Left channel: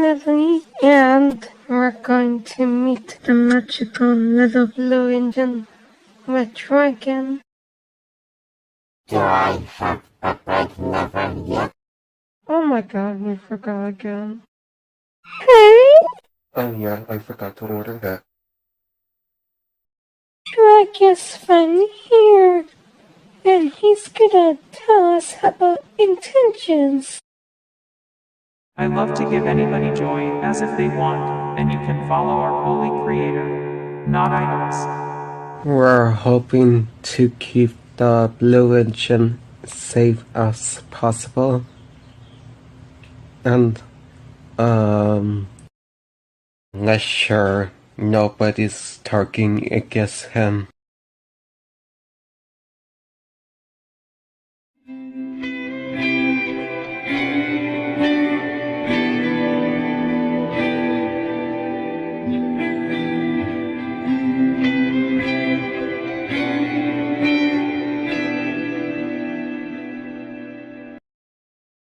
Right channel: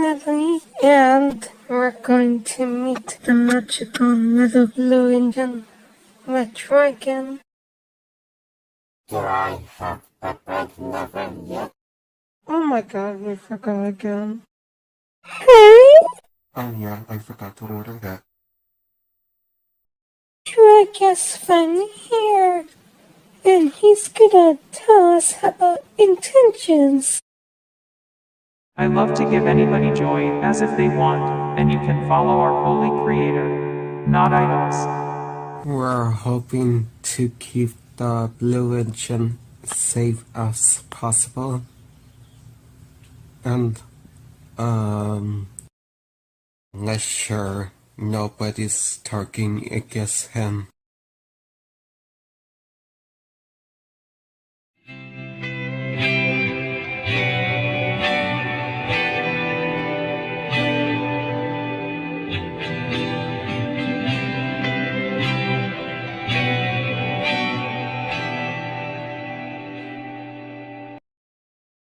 Natalie, and we're going to meet the magical little blue engine with Dragon. Do I have a break never yet? Oh my god, we forgot again. Hey? Oh yeah, I forgot to order that. Dragon's finally here, and he's gonna tell us about intentions. I love to give anybody joy as if they want, and you can follow our holy creator, not idols. We're hoping to keep the blue engine safe as possible. And, not sure nobody's targeting against him.